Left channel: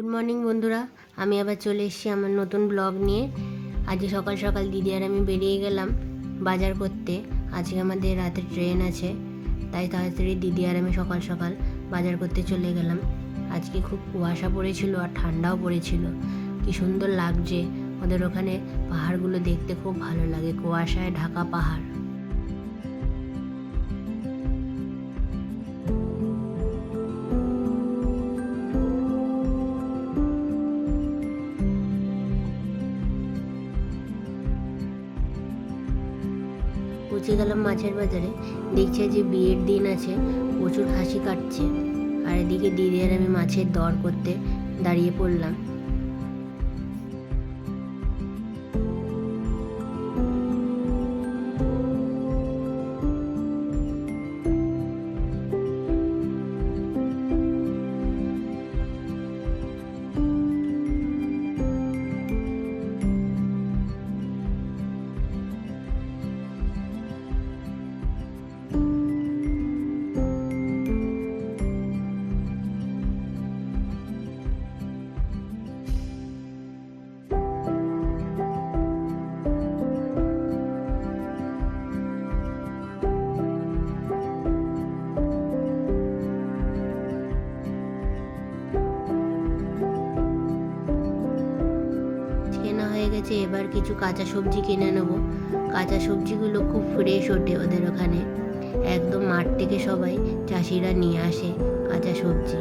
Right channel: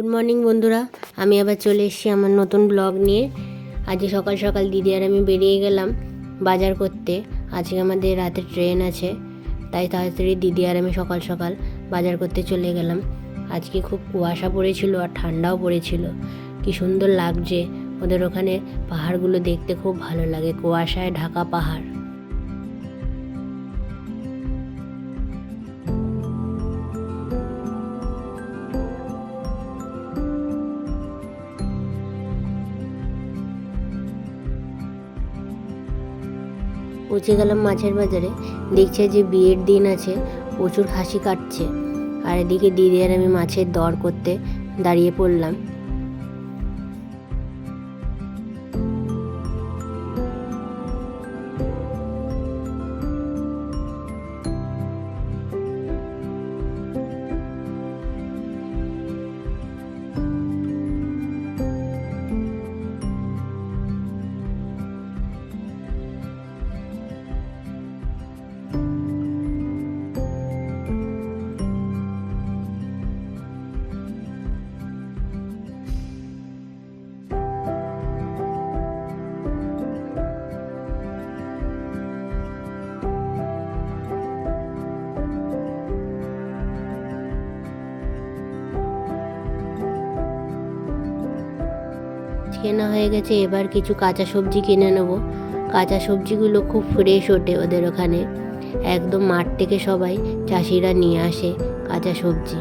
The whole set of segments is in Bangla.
গুড মর্নিং বন্ধুরা, আমি আবার চলে এসেছি আমার নতুন ব্লগ নিয়ে। আজকে সকাল সকাল দিদি আর আমি বেরিয়ে গেলাম বাজার করতে। আজকে আমাদের রাতে ট্রেন আছে, তাই তাড়াতাড়ি দিদি আর আমি সকাল সকাল বাজার করতে চলে গেলাম। আজকে খুব কুয়াশা পড়েছিল আর ঠান্ডাও পড়েছিল। কি সুন্দর লাগছে, ওদের ওখানে পাহাড়গুলো দেখতে খুব ভালো লাগে, কুয়াশায় ঢাকা পাহাড়। পৌঁছে গেলাম মাছের বাজারে। দেখছে যে বিয়ের দিন আছে, প্রচুর খাসি কাটছে, আর এদিকে দিদি আর আমি মাছের দর করতে দাঁড়িয়ে পড়লাম। কেনা হয়ে গেছে, এবার কিছু কাঁচা সবজি কিনে নেবো। কাঁচা সবজিগুলো খুব ফ্রেশ ওঠে ওদের ওখানে, একদম মাঠ থেকে সবাই চাষিরা নিয়ে আসে কাঁচা সবজি।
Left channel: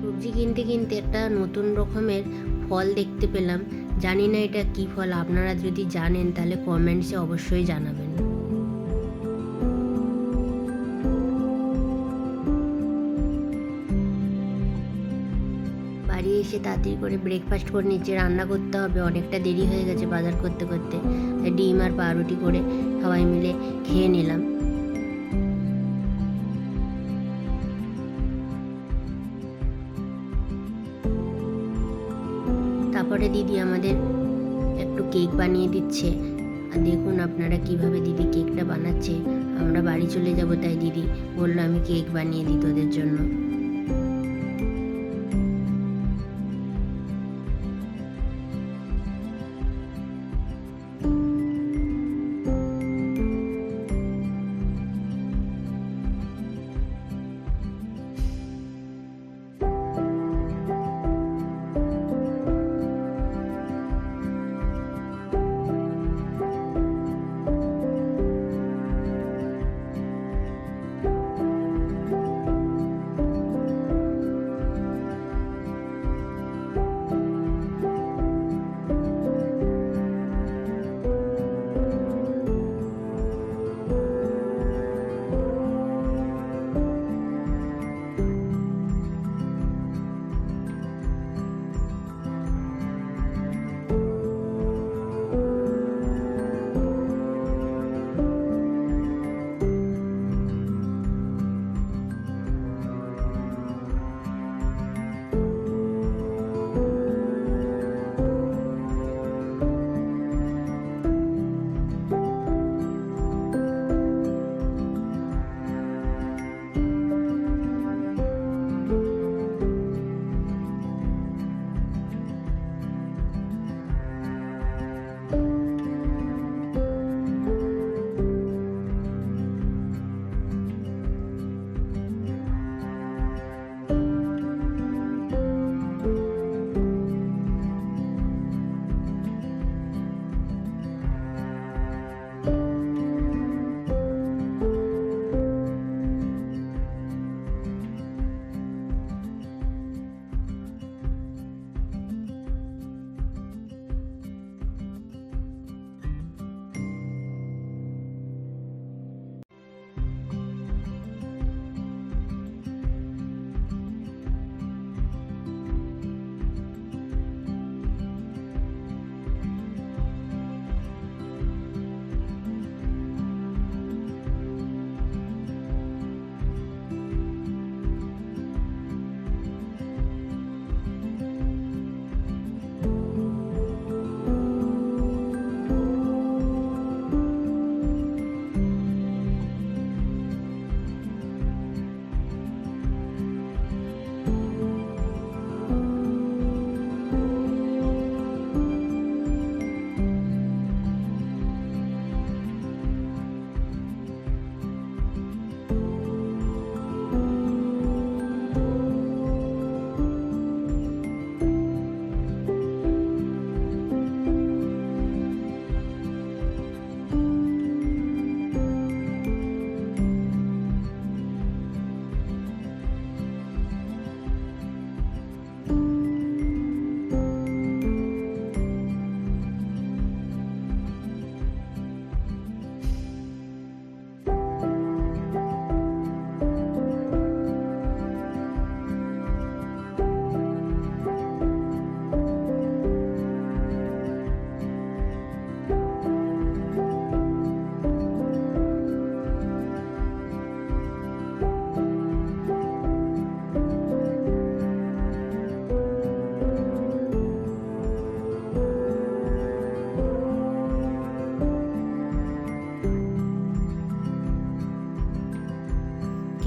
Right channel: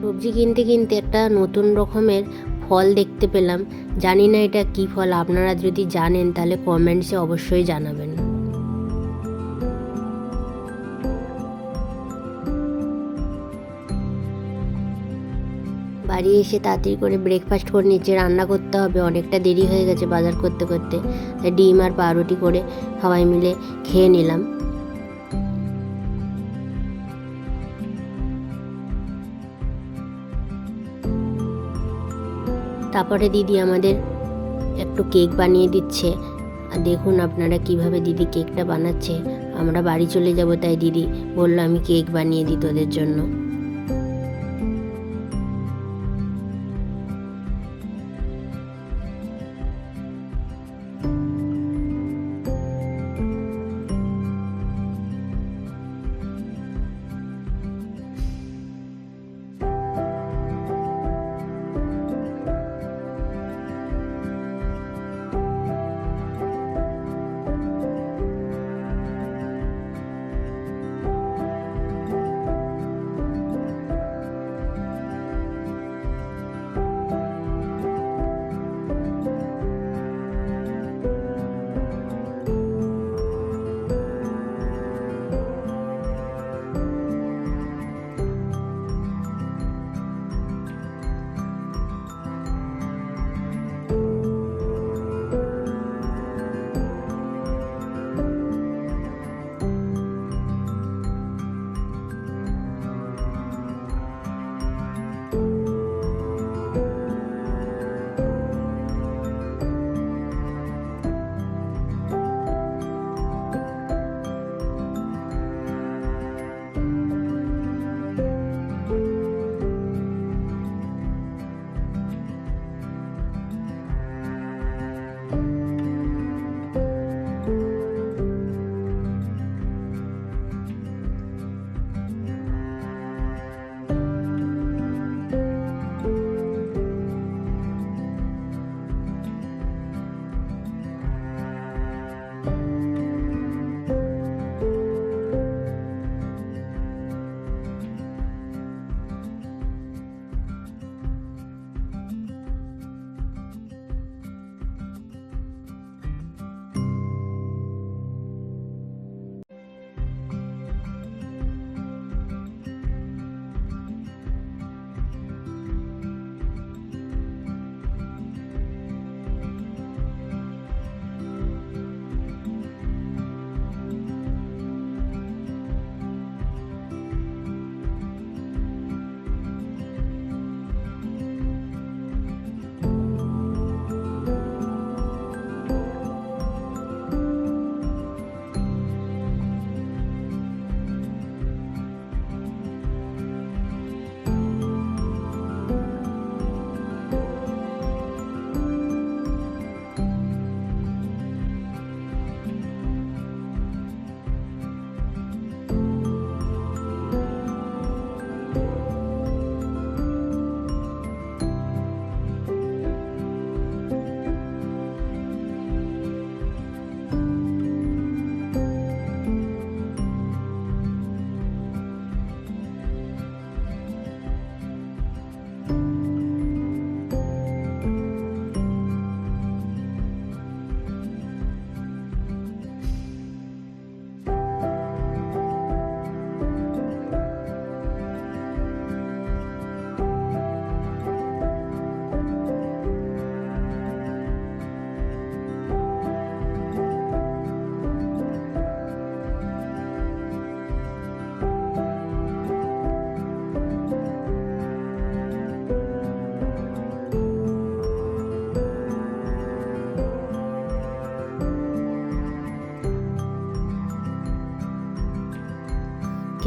সবজি কিনতে কিনতে একটা নতুন রকমের ফল দেখতে পেলাম। জানি না এটা কি ফল, আপনারা যদি জানেন তাহলে কমেন্টসে অবশ্যই জানাবেন। বাড়ি এসে তাড়াতাড়ি করে ব্রেকফাস্ট করে নিচে রান্না করতে হবে, অনেকটা দেরি হয়ে গেছে বাজার করতে করতে। ডিম আর পাউরুটি করে সবাই মিলে খেয়ে নিলাম। তারপরে দিদি আমাদের একটু কেক বানিয়ে দিচ্ছে, আর দেখুন আপনারা কিভাবে দিদি কেকটা বানাচ্ছে। আমরা বাড়ি চলে যাব, তাই দিদি বললো আমি কেক বানিয়ে দিই তোদের জন্য।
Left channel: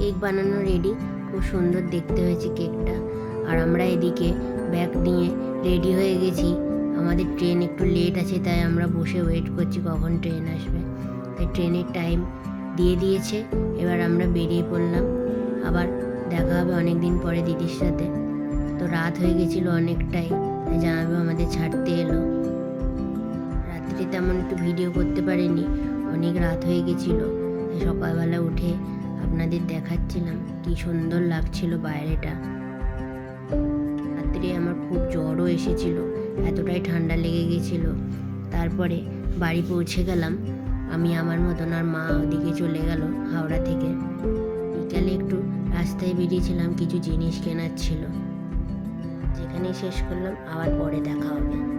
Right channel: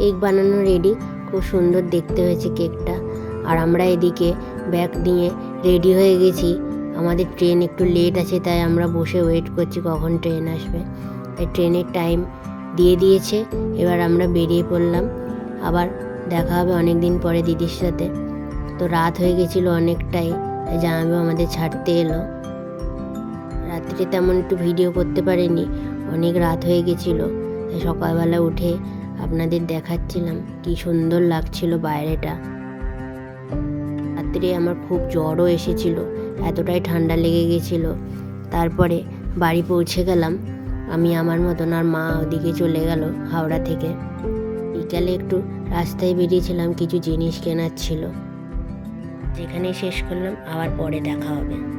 কেক বানানো রেডি, খুব সুন্দর দেখতে হয়েছে কেকটা। আর আমরা এদিকে ব্যাগ নিয়ে রেডি হয়ে গেছি। আমাদের ট্রেন একটু লেট আছে, তাই আমরা বসে ওয়েট করছি কখন ট্রেন আসবে। তাই ট্রেনের টাইম দিয়ে দিয়েছে, এবার আমরা বেরিয়ে পড়লাম। আবার দেখা হবে অনেক দিন পরে দিদির সাথে। তো রাত হয়ে গেছিলো অনেকটাই, তাই জামাইবাবু আমাদের ছাড়তে এলো। রাত্রে তেমন একটু ভিডিও করতে পারিনি, অনেক রাত হয়ে গেছিলো। তাই সকালবেলা উঠে আপনাদের দেখাচ্ছিলাম কি সুন্দর লাগছিল বাইরেটা। রাত্রে আমার খুব জ্বরও এসেছিল, এতটাই ঠান্ডা লেগে গেছিল। তারপরে বাড়ি পৌঁছে গেলাম আমি আমার মতন, আর মা ওদিকে চলে গেল হাওড়া থেকে। বিকালে একটু রাস্তায় বেরিয়েছিলাম, কিছু জিনিস কেনার ছিল। যেখানে শেষ করলাম, আবার পরে দেখা হবে।